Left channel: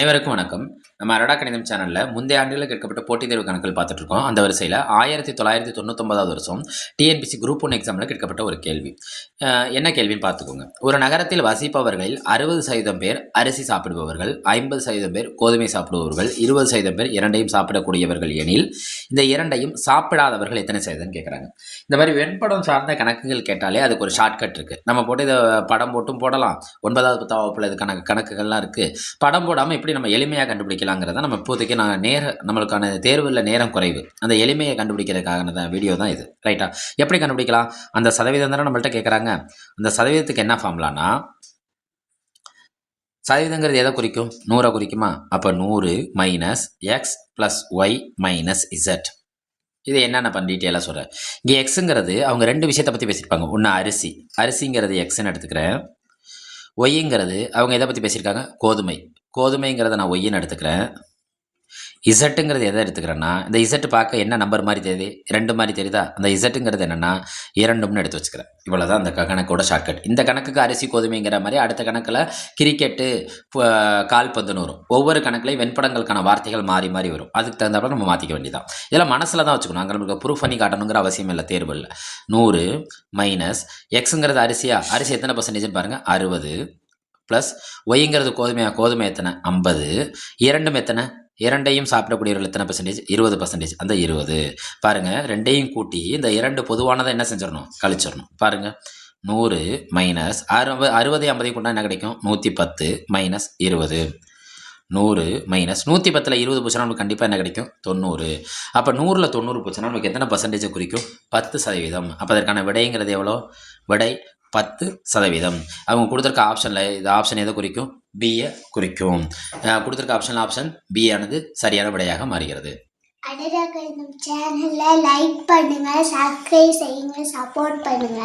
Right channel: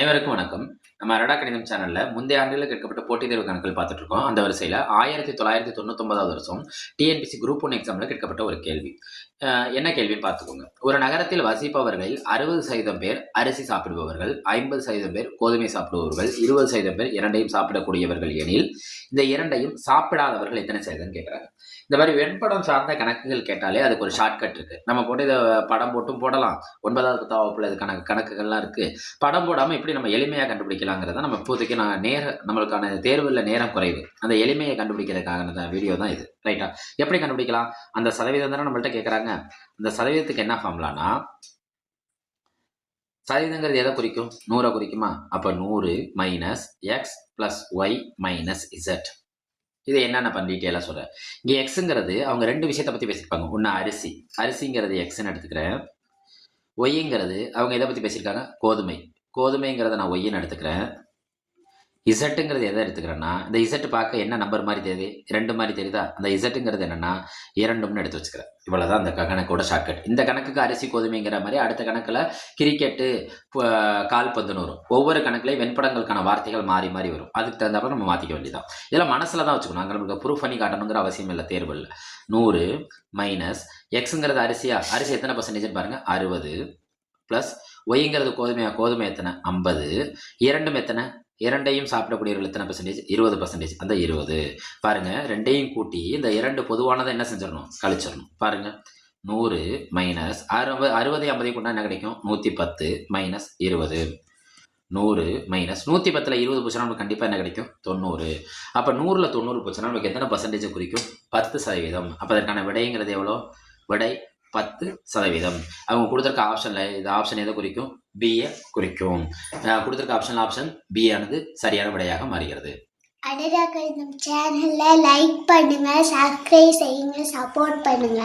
அனைவருக்கும் வணக்கம். நம்ம அரடா கணிதம் சேனல்ல முந்தைய ஆண்டுகளில் கேட்கப்பட்ட போட்டித் தேர்வு கணக்குகள் பார்த்துட்டு இருக்கோம். அந்த வரிசையில 1999வது வருஷம் டிஎன்பிஎஸ்சி குரூப் 1 எக்ஸாம்ல கேட்கப்பட்ட ஒரு கேள்வி. என்ன கேள்வின்னு பார்த்துக்கோங்க. ஒரு நகரத்தில் வசிப்பவர்களில் 60% பேர் அரிசி சாப்பிடுபவர்கள், 50% பேர் கோதுமை சாப்பிடுபவர்கள், 20% பேர் இரண்டையும் சாப்பிடக்கூடியவர்கள் எனில், இந்த இரண்டையும் சாப்பிடாதவர்கள் எத்தனை சதவீதம்னு கேட்குறாங்க. இந்த மாதிரி வெண்படம் சார்ந்த கணக்குகள் கேட்டாலே அதுக்கு ஒரு ஷார்ட்கட் இருக்கு. நம்ம போட்டு இதை படம் போட்டும் போடலாம். 9வது 10வது வகுப்புல இது கணக்குகள்லாம் இருக்கு. படம் போடாமல் எப்படி நம்ம எளிமையாக கண்டுபிடிக்கலாங்கிறத நம்ம இப்போதைக்கு நம்மளுக்கான தேர்வில் நேரம் குறைவு, அந்த எளிமையை கண்டுபிடிக்கிறதுக்கான வீடியோ தான் இது. ரைட்டா? எப்படி கண்டுபிடிக்கலாம்? அந்த சதவீதம் தானே நம்மள்ட்ட கேட்குறாங்க. அந்த சதவீதத்துக்கு என்ன ஃபார்முலானா, சதவீதங்கிறது எதை குறிக்கும்? 100 குறிக்குமா? அப்போ 100 minus X plus Y minus Z. இது என்னென்ன பண்ண டீட்டெயிலாக சொல்கிறேன். இங்கே எக்ஸுங்கிறது அவங்க ரெண்டு விஷயத்தை பற்றி பேசியிருப்பாங்க. ஒன்று அரிசிங்கிறது எக்ஸ்ன்னு எடுத்துக்கிறேன். ஒய்ங்கிறது அவங்க எதை பற்றி பேசியிருக்காங்க? கோதுமைங்கிறத நான் ஒய்ன்னு எடுத்துக்கிறேன். இசட்டுங்கிறது எதை எடுத்துக்கிறேன்னா, இந்த இசட்டு பார்க்க என்ன நம்பர் மாதிரி தெரியுது? 2 மாதிரி தெரியுதா? அந்த இசட்டுங்கிறது என்னென்னா 2ன்னு எடுத்து வச்சுக்கிறேன். இவ்வளோதான் அந்த கணக்கோட ஷார்ட்கட். இந்த கணக்குக்கு அரிசி கோதுமைங்கிற மாதிரி அடுத்த கணக்கில் கிரிக்கெட்டு, கால்பந்துன்னு வரும். ஒவ்வொரு கணக்குலையும் வெண்படங்களுக்கான வார்த்தைகள் மாறி மாறி வரும். அதுக்கு தகுந்தாப்புல நம்ம மாற்றிக்க வேண்டியதான். இதெல்லாம் மனசில் தான் வச்சுக்கணும். அங்கே நமக்கு ப்ரூஃப் பண்ணி காட்டணுங்கிற அவசியம் இல்லை தேர்வில். 100 மைனஸ் எக்ஸுங்கிறது அரிசி எத்தனை பர்சன்டேஜ்னு பாருங்கள், 60 ப்ளஸ் ஒய்ங்கிறது கோதுமை எத்தனை, 50, இரண்டும் எத்தனை, இரண்டையும் சாப்பிடக்கூடியவர்கள் எத்தனை பர்சன்டேஜ், 20%. அந்த 20 பாருங்கள், ரெண்டையும் கூட்டி இந்த 2 பொதுவானதை என்ன செஞ்சிடணும், கழிச்சிடணும். பாருங்கள், 100 மைனஸ் 60 50 கொண்டா என்ன கிடைக்கும், 110 மைனஸ் 20. 100 மைனஸ் 110ல் 20 போச்சுன்னா நமக்கு கண்டிப்பாக என்ன கிடைக்கும், 90. அப்போ 100ல் 90 போச்சுன்னா நமக்கு எத்தனை பர்சன்டேஜ் குறிக்கும், 10%. அப்போ அதற்கான விடைங்கிறது எவ்வளோ? விடை 10%. அவங்க கொடுத்துருக்க ஆப்ஷனில் இது ஆப்ஷன் எதை குறிக்கும், பியை குறிக்கும். கொடுத்துருக்க ஆப்ஷன் பி ஆனது சரியான விடையாக மாறுகிறது. அரடா கணிதம் சேனலை லைக் பண்ணுங்க, சப்ஸ்கிரைப் செய்யுங்க, சப்போர்ட் பண்ணுங்க.